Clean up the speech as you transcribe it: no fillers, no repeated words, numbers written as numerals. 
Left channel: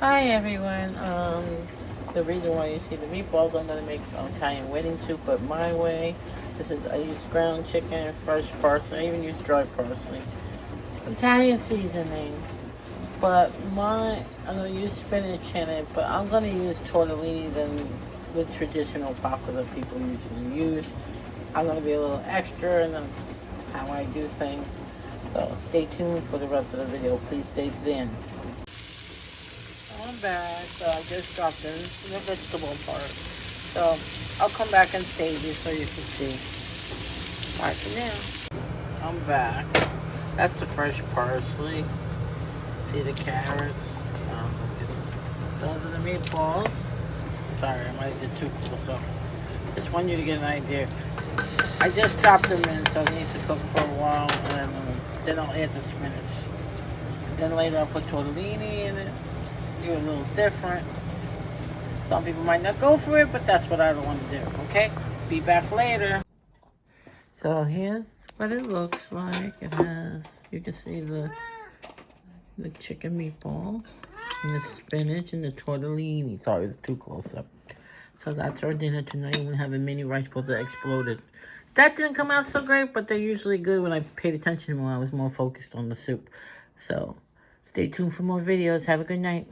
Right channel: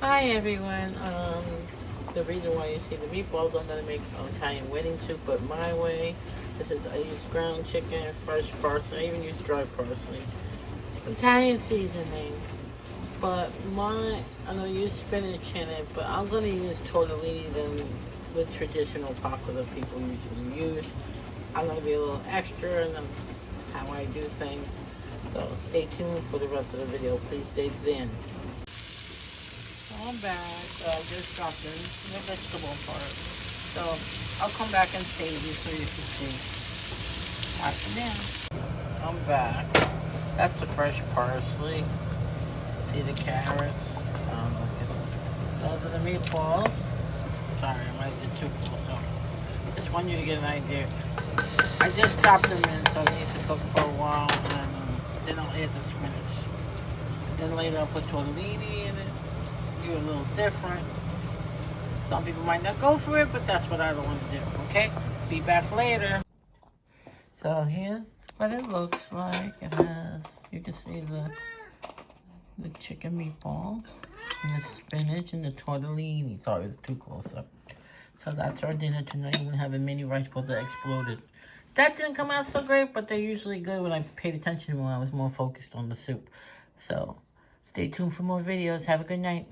Hi everyone. The reason why you see the meatballs, I'm gonna make Italian wedding soup, but my way. I use ground chicken, fresh parsley. I even use dry parsley. Italian seasoning, but I'm gonna use spinach in it. But I'm gonna use tortellini than the traditional pasta that people usually use. I'm gonna be a little extra, and that's how I do things. So stay tuned for the rest of the video. Please stay to the end. I'm back. I just dropped in the vegetable part. So I'll come back in stages so you can see. Alright, now I'm back. That's the fresh parsley. See the carrots. Those are the meatballs. Sorry, I might did too close up. Just want you to get an idea. I just dropped them in, so it needs to cook for a while, and then I'll add the spinach. Then later I'll put tortellini in it. Do a little different. Some people might not go for it, but that's what I want to do. Okay? Be back later. So here's what it looks like. It has, you can see the chicken meatball and the spinach and the tortellini. Sorry, it's too close up. So that's our dinner tonight. We're gonna have a mini rice bowl that exploded. That didn't come out so great, but they're usually good when I paid attention more. I was more focused on the soup. So stay tuned for more videos. Have a good night.